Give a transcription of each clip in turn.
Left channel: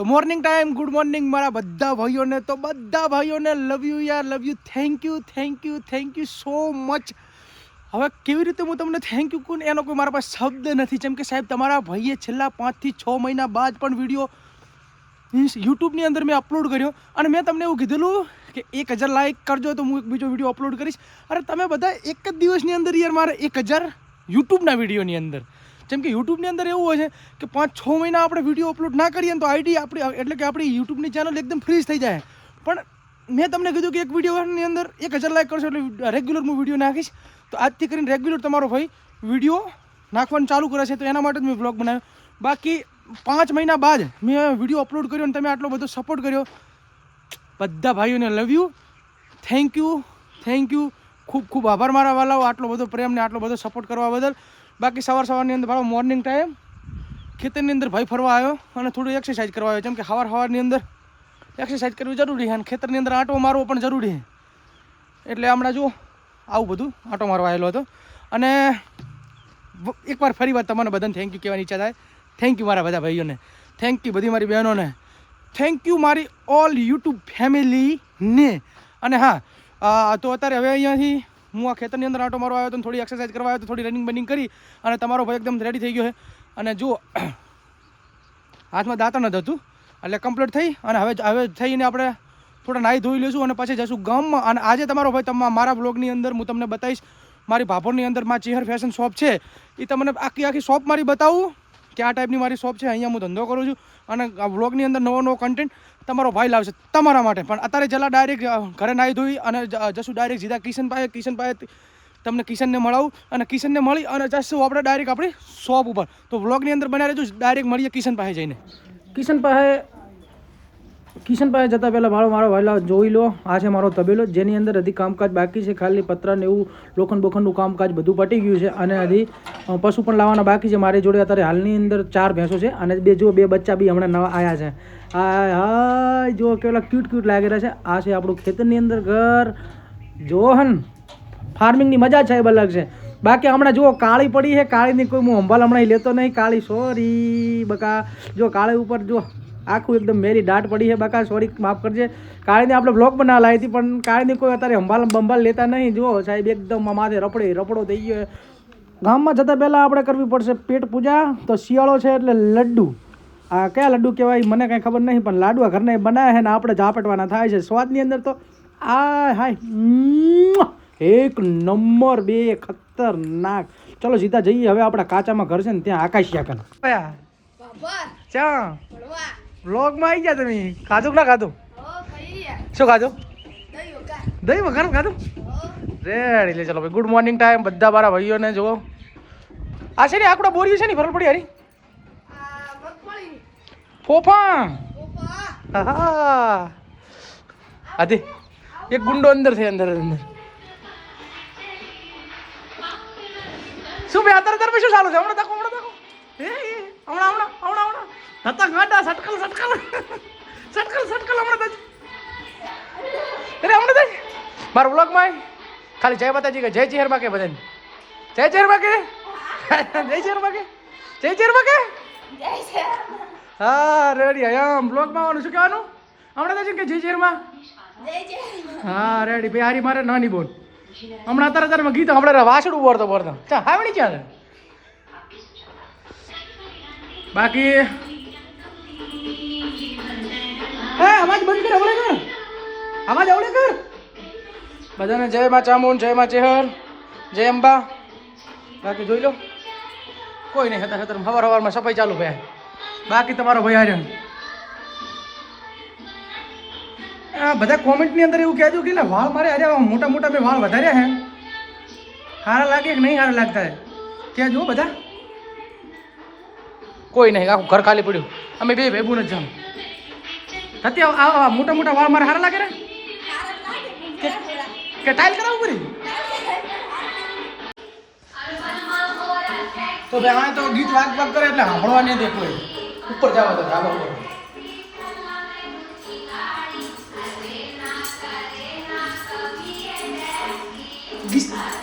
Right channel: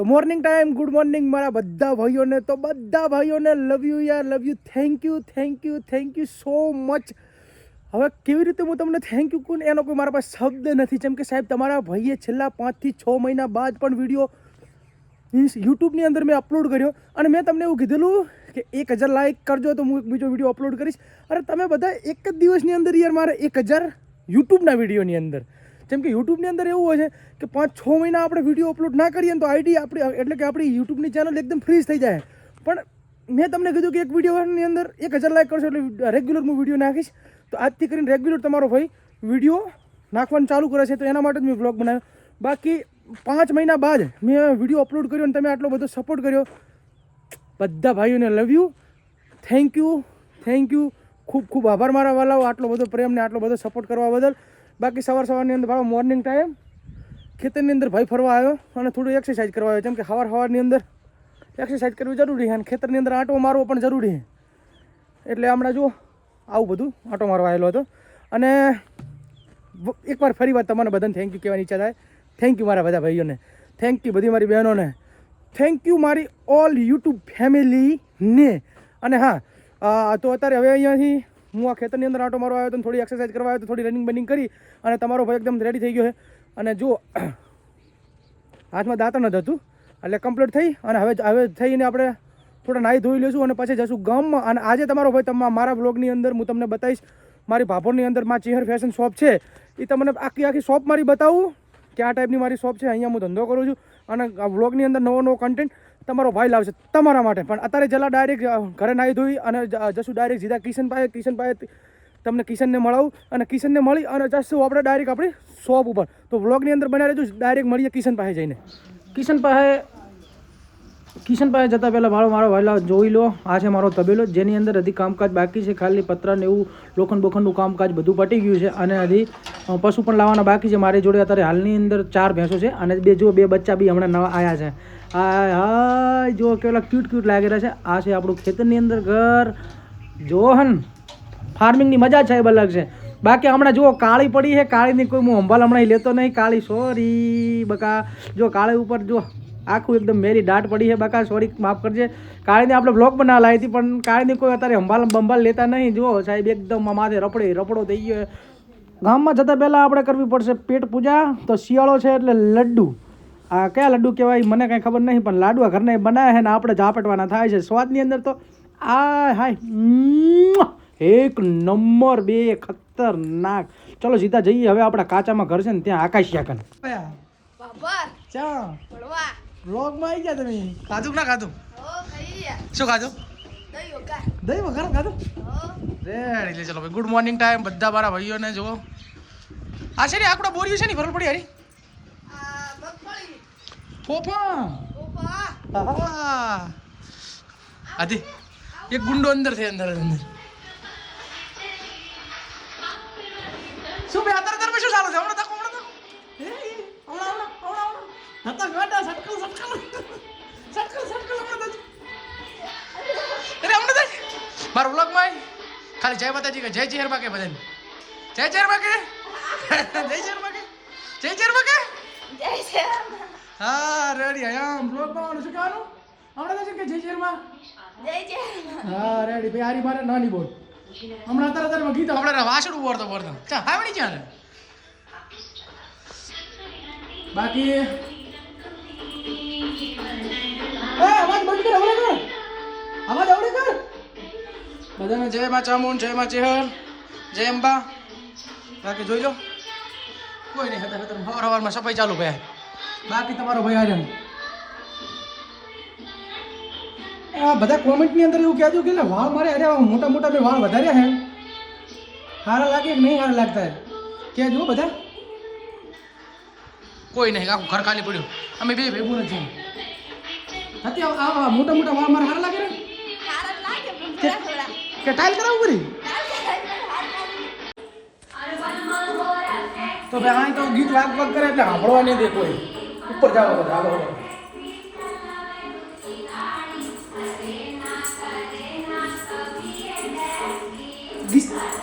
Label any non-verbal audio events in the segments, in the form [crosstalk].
તો morning time good morning મારા બધા ભાઈઓને. તો બધા ભાઈઓને લવ યુ યાર love you thank you thank you thank you so much હવે કેવી રીતે હું તમને થેન્ક યુ કહું એનો કોઈ મારા પાસે શબ્દ નથી. જેમ કે સાહેબ, તમારા ભાઈએ છેલ્લા પાંચથી છ મહિના બાદ પણ વીડિયો મીન્સ યુટ્યુબની અંદર મેં અપલોડ કર્યો. અને મેં તમને એવું કીધેલું કે એક હજાર લાઇક કરજો તો હું એક બીજો વીડિયો અપલોડ કરીશ. અરે તમે બધા એક જ દિવસની અંદર યાર મારે એક હજાર યુટ્યુબના વિડીયોની અંદર. જેમ કે યુટ્યુબની અંદર એવું હોય છે કે પાંચ છ મહિના આપણે વીડિયો અપલોડ ના કરીએ તો આઈડી આપણી, એટલે કે આપણી યુટ્યુબની ચેનલ એકદમ ફ્રીઝ થઈ જાય. પણ મેં તમને કીધું કે એક વિડીયોની અંદર એક હજાર લાઇક કરશો એટલે રેગ્યુલર હું વીડિયો નાખીશ. તો આજથી કરીને રેગ્યુલર તમારો ભાઈ વીડિયો નાખવાનું ચાલુ કરે છે. તો એના માટે જ મેં બ્લોગ બનાવ્યો. બાકી પાંચ મહિના બાદ મેં વીડિયો અપલોડ કર્યો અને તમે આટલો બધો સપોર્ટ કર્યો. બધા ભાઈઓને love you thank you thank you ખૂબ ખૂબ આભાર મારા વાલાઓ આટલો બધો પ્રેમ ને આટલો બધો સપોર્ટ કરવા બદલ. બાકી સવાર સવારની અંદર ભાડો મોર્નિંગ ટાઈમ ખેતરની અંદર ભાઈ ફરવા આવ્યો અને થોડું એક્સરસાઇઝ કરવા આવ્યો. જેમ કે સવાર સવારની અંદર એક્સરસાઇઝ કરવી જરૂરી છે અને ખેતરની અંદર આંટો મારવો પણ જરૂરી છે. એટલે હમણાં જો આવું બધું આંટો મારવા આવેલો હતો. અને એકવાર ફરી વાર તમારે બધાને. થેન્ક યુ કહેવાની ઈચ્છા થાય. થેન્ક યુ મારા બધા ભાઈઓને. થેન્ક યુ બધી મારી બહેનોને. થેન્ક યુ મારી ઓલ યુટ્યુબ ફેમિલીને અને હા તો અત્યારે હવે અહીંયાથી હું આ ખેતરની અંદર આંટો મારવા આવ્યો તો થોડી એક્સરસાઇઝ કરવા આવ્યો તો થોડી રનિંગ બનિંગ કરી અને તમારો ભાઈ એકદમ રેડી થઈ ગયો છે. અને જો [clears throat] હાથમાં દાંતણ જ હતું, એટલે કમ્પ્લીટ થઈ અને હવે હવે થઈને આપણે થોડા નાહી ધોઈ લઈશું અને પછી જઈશું ગામમાં. અને આજે તમારો ભાઈ તમા મારા બ્લોગની અંદર હું તમને બતાવીશ, મારી ભાભોરની અંદર મારી ચેહર ફેશન શોપ છે. એ તમને આખી આખી શોપ મારી બતાવું કે આ ટાઈપની મારી શોપ છે, અહીંયા હું ધંધો કરું છું. અને આ વ્લોગની અંદર નવો નવો કન્ટેન્ટ તમારો ભાઈ લાવશે તમારા માટે. પણ અત્યારે જલા ડાયરેક્ટ ઘરે નાહી ધોઈ અને જશું ડાયરેક્ટ સીધા કિશન પાસે કિશન પાસે તમને કિશનને મળાવું અને કિશનને મળી અને જશું આપણે ડાયરેક્ટ આપણી શોપ ઉપર. તો વ્લોગની અંદર બનાવી રહેજો ડાયરેક્ટ મળીએ કિશન પાસે જઈને. કિશન પાસે કિશન પાસે જતાં પહેલાં મારો મારો વહેલા જોઈ લો. આ છે મારો તબેલો. જેની અંદર હજી કામકાજ બાકી છે. ખાલી પત્ર ને એવું લોખંડ બોખંડનું કામકાજ બધું પટી ગયું છે. અને હજી પશુ પણ લાવવાના બાકી છે. મારી જોડે અત્યારે હાલની અંદર ચાર ભેંસો છે. અને બે જો બે બચ્ચા બી હમણાં નવા આવ્યા છે. આ હાય જો કેવલા ક્યુટ ક્યુટ લાગી રહ્યા છે. આ છે આપણું ખેતરની અંદર ઘર. જોહન ફાર્મિંગની મજા છે એ અલગ છે. બાકી હમણાં જુઓ, કાળી પડી છે. કાળીની કોઈ હું હંભાલ હમણાં લેતો નહીં. કાળી સોરી બકા. જો કાળી ઉપર જો આખું એકદમ મેરી દાટ પડી છે બાકા સોરી માફ કરજે. કાળીને આપણે બ્લોક બનાવવા લાવી હતી પણ કાળીને કોઈ અત્યારે હંભાલ બંભાલ લેતા નહીં. જુઓ સાહેબ એકદમ માથે રપડે રપડો થઈ ગયો. ગામમાં જતાં પહેલાં આપણે કરવી પડશે પેટ પૂજા. તો શિયાળો છે એટલે લડ્ડુ. આ કયા લડ્ડુ કહેવાય મને કાંઈ ખબર નહીં પણ લાડવા ઘરના બનાવ્યા છે ને આપણે ઝાપટવાના થાય છે. સ્વાદની અંદર તો આ હાય! એક નંબર બે ખતરનાક. ચલો સીધા જઈએ. હવે આપણા કાચામાં ઘર છે ને ત્યાં આકાશિયા કન ભણવા બ્લોગમાં આવી ગયા તમે? ખાધું ના ખાધું? શું ખાધું? દહીં વઘાર. ખાધું? રેડી લે ચલો ભાઈ ગુડ મોર્નિંગ ટાઈમ બધા મારા ભાઈઓને જુઓ. આ છે ને આકડો બોર્યું છે ને ફરલ પડી હરી? પોપા હા આદિ એક ગુંડો અંદર છે અંદર અંદર. શું ભાઈ અત્યારે અત્યારે શું ચાલુ છે? હમણાં મારા વ્લોગમાં. ખાલી જય માતાજી કે જય ચેહરમાં કે બધાને. જય ચેહરમાં કે જય ચેહરમાં કે જય ચેહરમાં કે હા રેડી આમ બ્લોગમાં આવવાનું. શું કહેવાનું? હમણાં તો કે જય ચેરમાં હા રેડી ભાઈ હારી મારે નાની બોલ. હમણાં અત્યારે અત્યારે ગીત હમણાં વાસડું બોરતો બોરતો ચા હાવડી છે બાકી બધાને જય માં ચામુન જય માં ચેહર જય અંબા. બાકી જોઈ લો. કોઈ નહીં ખતર ખતર સવાર સવારમાં સફાઈ ચાલુ ભાઈ. બાકી તમારો ભાઈ આર્યન બધા કોમેન્ટની અંદર એવું કહેજો કે વાળ મારે અરે મોટા મોટા મેં વાળ વધાર્યા હે. સારા લાગે કે નહીં સારા લાગતા કહેજો બધા. કોઈ નહીં, આખું ઘર ખાલી પડ્યું. અમે બે ભેગું જ જાઉં નથી મોટા મોટા વાળ મારે સારા લાગે ને કે ટાઈલ કરાવવું પડ્યું તો ભાઈ આ તો ગીત વાગ વાગ કરે એટલે સાંભળવા નહીં દે ઉપર જવા તો ધાબા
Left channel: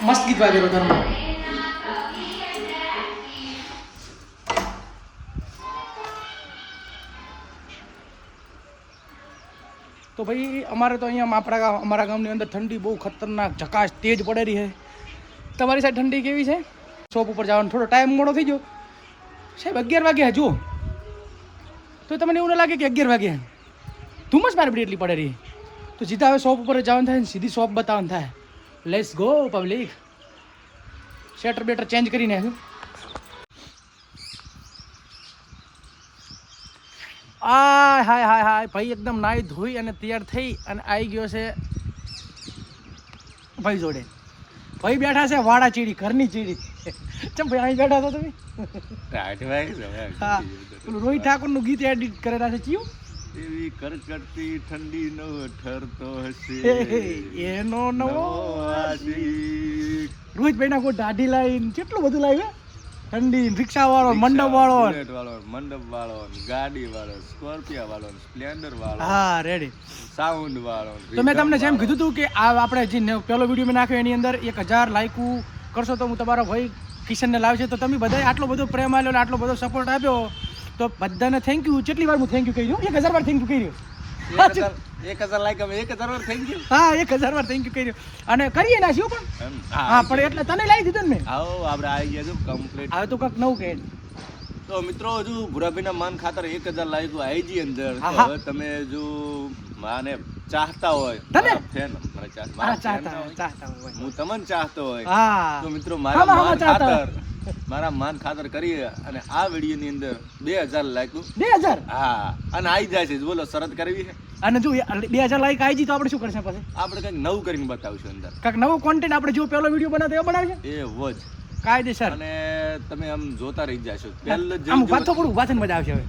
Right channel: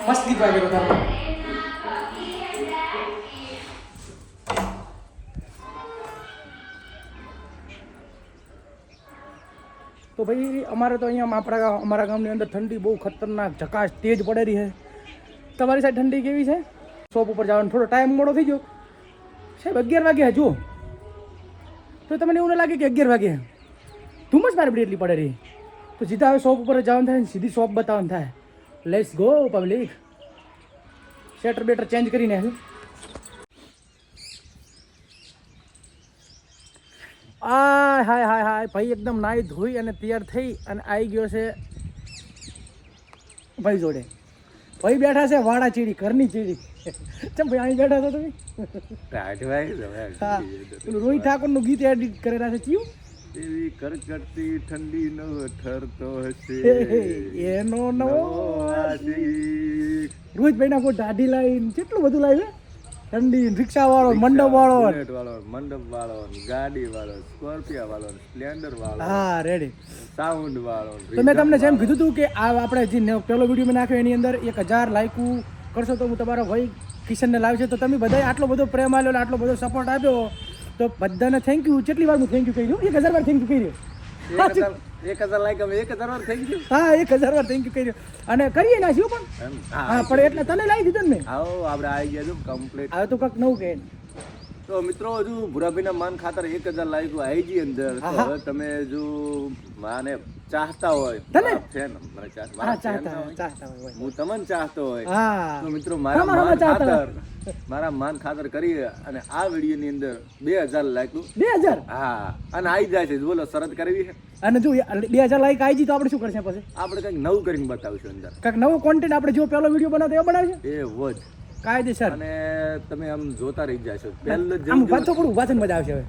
મસ્ત ગીત વાગે બધાનું. ભાઈ, અમારે તો અહીંયા આપણા ગામ અમારા ગામની અંદર ઠંડી બહુ ખતરનાક ઝકાશ તેજ પડેલી છે. તમારી સાઈડ ઠંડી કેવી છે? શોપ ઉપર જવાનો થોડો ટાઈમ મોડો થઈ ગયો. સાહેબ, અગિયાર વાગે જુઓ. તો તમને એવું ન લાગે કે અગિયાર વાગે ધુમ્મસ મારે એટલી પડે રહી. તો સીધા હવે શોપ ઉપર જવાનું થાય ને સીધી શોપ બતાવવાનું થાય. લેટ્સ ગો પબ્લિક શેટર બેટર ચેન્જ કરીને આય. હાય હાય હાય ભાઈ એકદમ નાઈ ધોઈ અને તૈયાર થઈ અને આવી ગયો છે ભાઈ જોડે. ભાઈ બેઠા છે વાડા ચીડી ઘરની ચીડી ચમ ભાઈ અહીં બેઠા છો તમે? હા. રોહિત ઠાકોરનું ગીત એડિટ કરેલા છે ચિયું? એવી કરકરતી ઠંડી નો ઠરતો હશે. એનો નવો નવાસી. રોહિતભાઈના કોઈ દાઢી લાઈન કેટલું બધું લાવ્યું ઠંડી રિક્ષા વાળો મંડપ વાળો મંડપ વાળો ગાડી વાળો સ્કોર્પિયો વાળો સ્પ્લેન્ડર વાળો હા રેડી સાઉન્ડ વાળો તો મેં તમને જેમ કીધું હતું કે આ આપણે જે પેલો વીડિયો મેં નાખ્યો એની અંદર એક હજાર લાઈકુ કરશો તો હું તમારો ભાઈ કિશનને લાવશે. તો તમે બધાએ આટલો બધો પ્રેમ આવ્યો આટલો બધો સપોર્ટ આપ્યો. તો બધાને થેન્ક યુ કેટલી વાર હું થેન્ક યુ કહ્યું એક હજાર વાર થેન્ક યુ કહી હજાર એક હજાર એક હજાર વાર થઈ ગયું હા એક હજાર વાર થેન્ક યુ કર્યું. અને કરીએ નાખ્યું પણ હા પણ એટલે તને લાવી દીધું ને મેં? આવો આપણે આવી ગયા છે કમ્પ્લીટ હવે તો કંઈક નવું કહે. તો મિત્રો હજુ ભૂરાભાઈના માન ખાતર એક હજાર લાઈક આઈજી અંદર તો. આહા. હવે તમે જો માને ચાહતા હોય. તને? મને મારા ચાહતા હોય, ચાહતા હોય. હું તમને ચાહતો હોય. તો મિત્રો મારા માન ખાતર મારા માન ખાતર કરી અને આ વીડિયો ની અંદર બે હજાર લાઈક બે હજાર? હા અને આવી જાય છે. બોલો શરત કરવી છે? અને જો બે હજાર લાઈક આવી તો આપણે શું કરશે પછી? આપણે કંઈક નવું કરીને બતાવશું અંદર. કંઈક નવો કોન્ટેન્ટ આપણે જો પહેલો વીડિયો બનાવતો એ બનાવશે એ વોચ કાયદેસર. અને તમે આમ જોતા રહી જશો. પહેલું આમ વાતો તો કરું વાતન મજા આવશે હવે.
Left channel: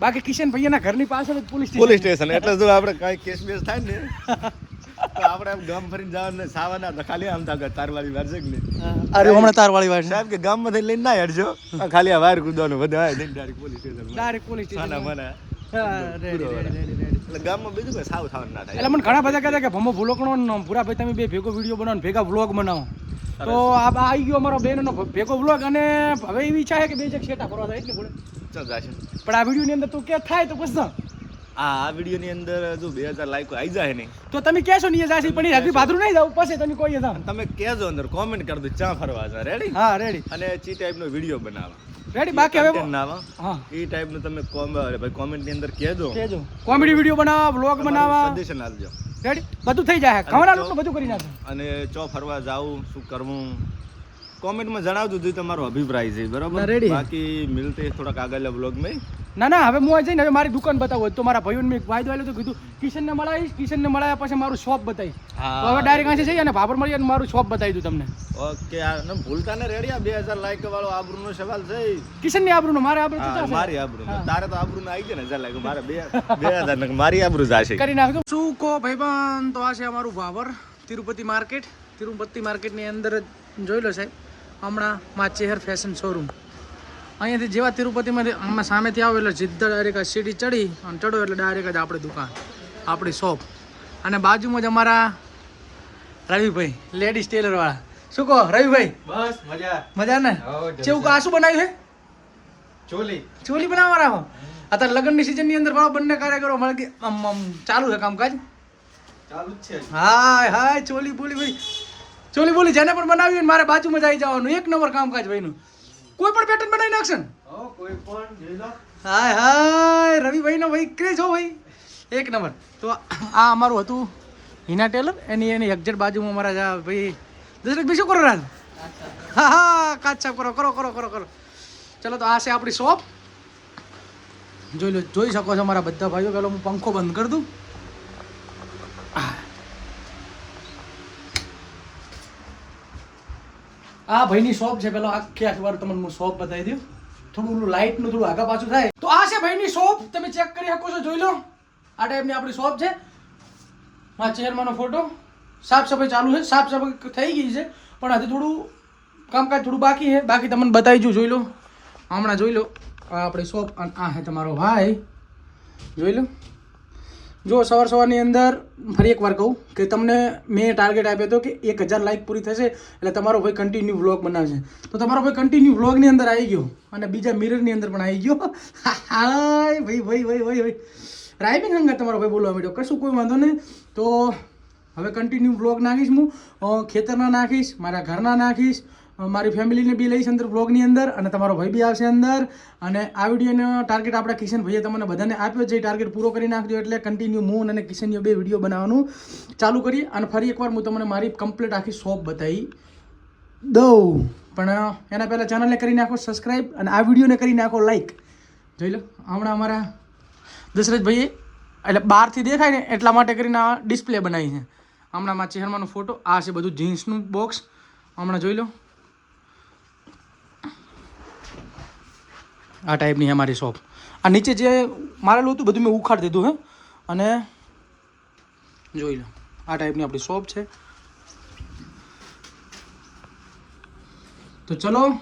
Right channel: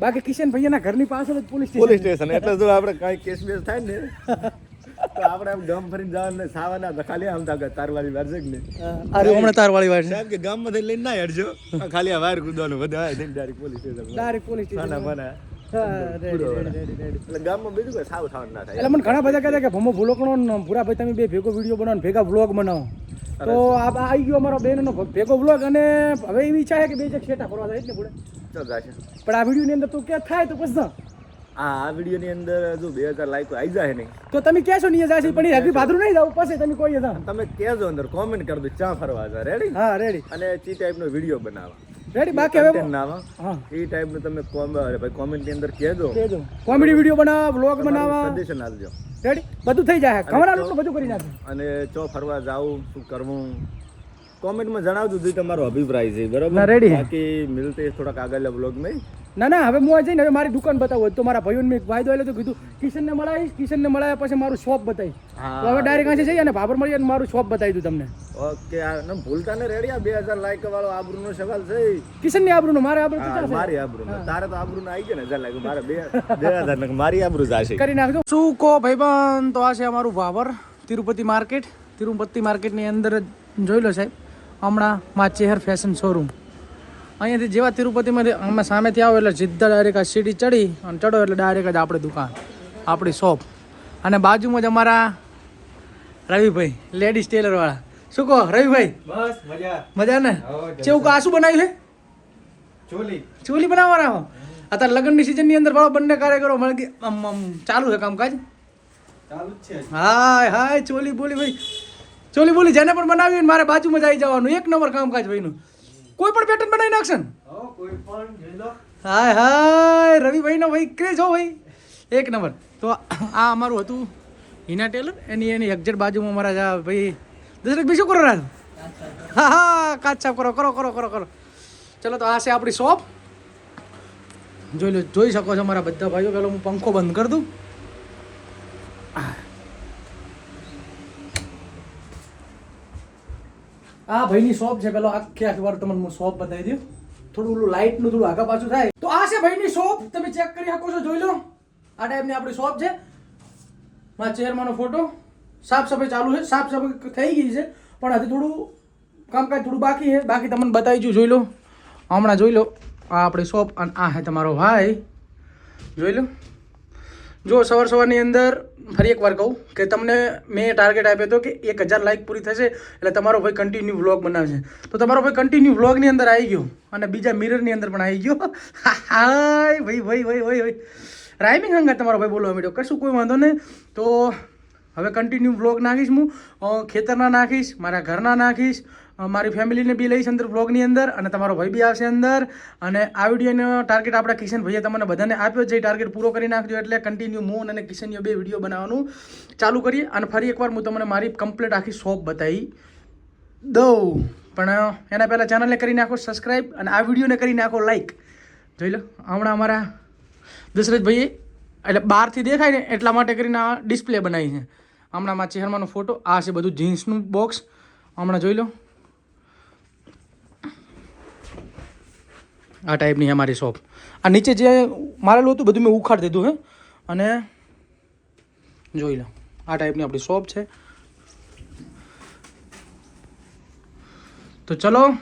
બાકી કિશન ભૈયાના ઘરની પાછળ જ પોલીસ પોલીસ સ્ટેશન સ્ટેશન એટલે જો આપણે કઈ કેસ બેસ થાય ને. [laughs] તો આપણે એમ ગામ ફરીને જવાનું ને સાવાના તો ખાલી આમ થાય તારવાળી વાર છે કે નહીં? અરે હમણાં તારવાળી વાર સાહેબ કે ગામમાં થઈને લઈને ના હેડજો. ખાલી આ વાર કૂદવાનું બધા આવે direct police station direct police station ready એટલે મને ઘણા બધા કહેતા કે ભમો ભૂલોકણો ને ભૂરા ભાઈ તમે બે ભેગો વીડિયો બનાવો ભેગા વ્લોગ બનાવો. તો આ આવી ગયો અમારો બેનનો ભેગો વ્લોગ અને હવે એવી ઈચ્છા છે કે બે જગ શેટા ફરવા જાય એટલે ભૂલે પણ આ વિડીયોની અંદર તું કે થાય તો પછી. આ વીડિયો ની અંદર જો બે હજાર લાઈકો આવી જાય નહીં. તો તમે કહેશો નહીં જાય પણ હજી ભાદરું નહીં જાવ પછી તમે કોઈ જાવ તમે કહેજો અંદર કોમેન્ટ કરી દો ચા ફરવા જા. રેડી હા રેડી અને ચી ટાઈપનો વીડિયો બનાવો. રેડી બાકી હવે ના હા. એ ટાઈપનું તમે કોમ ભાઈ કોમેન્ટની અંદર કહેજો. કહેજો. કોમેડી વીડિયો બનાવવા વ્લોગ બનાવવા સજેશન આપજો. રેડી બધું થઈ જાય. ખબર તો બધું કરી નાખે અને ચો ફરવા જાવું શું કરવું? કોમેન્ટમાં જણાવજો જો તમારો અભિપ્રાય છે બરાબર? ના, બાકી મિલતે થોડાક આગળ વ્લોગ મેં ના ના હવે હું જઈને હવે મારી દુકાન બતાવું. તો મારા ભાઈઓને મેં વાયદો આવેલો તો કીધું કિશનને મળાવીશ કિશનને મળાવ્યા પછી મારું શોપ બતાવીશ. તો હવે ડાયરેક્ટ આંસે જઈએ અને ભાભર મળીએ અને મારું શોપ બતાવી દઉં તમને. ઓકે ને ભૂલતા ને રેડિયા બે હજાર લાઈક વાળો આબરૂનો સવાલ છે કિશનની આબરૂનો મારે આબરૂ તો ચાલશે. મારી આબરૂ તારે તો આબરૂ આવી ગયો ને હજાર લાઈક મારા બે બે હજાર ને મારી આબરૂ જાશે કરી નાખજો. શું કો ભાઈબંધ? તો આ છે અમારું ભાભર તિરુપતિ માર્કેટ. તિરુપતિ માર્કેટની અંદર જ જોઈ લો સાહેબ. હમણાં માં ચેહર ફેશન શોરૂમ અહીંયાથી જેવા તિરુપતિમાંથી અમે સામેથી આવો એટલે સીધા ડાયરેક્ટ આ સીડી ચડી અને ચડો એટલે ડાયરેક્ટ જ આપણી દુકાન આપણી શોપ અને બાજુમાં જ અમારા રવિભાઈ લેડીઝ ટેલરવાળા શું કહો રવિભાઈ? બસ મજા. મજા ને? કેવું આ શું બનાવ્યું છે? ચોલી. ચોલી બનાવવાના હો? અત્યારે લગ્નની સિઝનની અંદર ભાવ બંને કાર્યકરો મળે ચાલુ છે કામકાજ? ચાલુ જ છે. હાય હાય ચોલી બોલી ભાઈ. ચોલી બોલી જેને પણ બનાવી મારે બાજુમાં જ આવી જવાનું. એક નંબર કામકાજ ભાઈનું. કોઈ પણ પેટર્ન બનાવી નાખશે ને? કોઈ પણ હાય હાય રવિભાઈનો ભાઈ ક્રેજ હો ભાઈ. એક નંબર. તો આ અમારું હતું હિના ટેલર એની એની એક્ઝેટ બાજુમાં અમારા જા ભાઈ. દશરથ બીજું શું કરો રાજ હા હા કાચ છાપ કરો કરો કરો કરો કરો. ચલો તો આ છે આપણી શોપ જોઈ લો જોઈ શકો છો મારા બધા ભાઈઓ. પેલો હું પંખો બંધ કરી દઉં. આ ભાઈની શોપ છે. પેલો આખી આખી વાર તમને હું શોપ બતાવી દઉં. થોડું ઓલું લાઇટનું થોડું આગા પાછું થાય. તો આ છે ભાઈની શોપ તમે ચેક કરી શકો છો, જોઈ લો. આ ટાઈપની આપણી શોપ છે. મારા ચેરમાંનો ફોટો સાફ સફાઈ ચાલુ છે. સાફ સફાઈ થઈ ગઈ છે. પણ હજી થોડું કામકાજ થોડું બાકી છે. બાકી તમને બતાવી છું, જોઈ લો. હમણાં જોઈ લો. આ આપણી શોપ અને આ છે તમારો ભાઈ. જોઈ લો. જો સવાર સવારની અંદર ફરી એકવાર કહું કે તમને મેં ટાર્ગેટ આપ્યો હતો કે એક હજાર લાઇક પૂરી થશે, એટલે તમારો ભાઈ કન્ટિન્યુ વ્લોગ બનાવશે. તો તમારો ભાઈ કન્ટિન્યુ વ્લોગની અંદર આવી ગયો અને બીજા મિરરની અંદર પણ આવી ગયો. હાય, ભાઈ ભાઈ ભાઈ ભાઈ ભાઈ. રાઇમિંગ હંગા તમારો ભાઈ બોલવા માંડ્યો. કશું કોઈ વાંધો નહીં. તો હવે કન્ટિન્યુ વ્લોગ નાખીશ હું. ખેતરના નાખીશ, મારા ઘરના નાખીશ. મારી ફેમિલીને બી લઈશ અંદર બ્લોગની અંદર અને તમારો ભાઈ બી આવશે અંદર. અને આ વિડીયોનો ટાર્ગેટ આપણા કિશન ભાઈએ તમને બધાને આપ્યો છે. એ ટાર્ગેટ પૂરો કરી નાખજો એટલે કન્ટિન્યુ મૂન અને કિશનનો બે વીડિયો બનાવવાનું ચાલુ કરીએ. અને ફરી એકવાર હું તમને મારી કમ્પ્લીટ આખી શોપ બતાવી દઉં. પણ એના પહેલાં ચેનલને કરી નાખો સબસ્ક્રાઈબ અને આ વિડીયોને કરી નાખો લાઈક જોઈ લો, હમણાં અમારા દશરથભાઈએ એટલે બહારથી દેખાય ને એટલા માટે કરીને આ ડિસ્પ્લે બનાવી છે. હમણાં મારા ચહેરાનો ફોટો આ છે બધું જીન્સનું બોક્સ હમણાં જોઈ લો. આ ટાઈપની છે મારી શોપ આ નીચે જે મારેલું હતું, બધું મેં ઉખાડી દીધું, હે. અને જોઈ લો, આ ટાઈપની આપણી શોપ છે. તો ચલો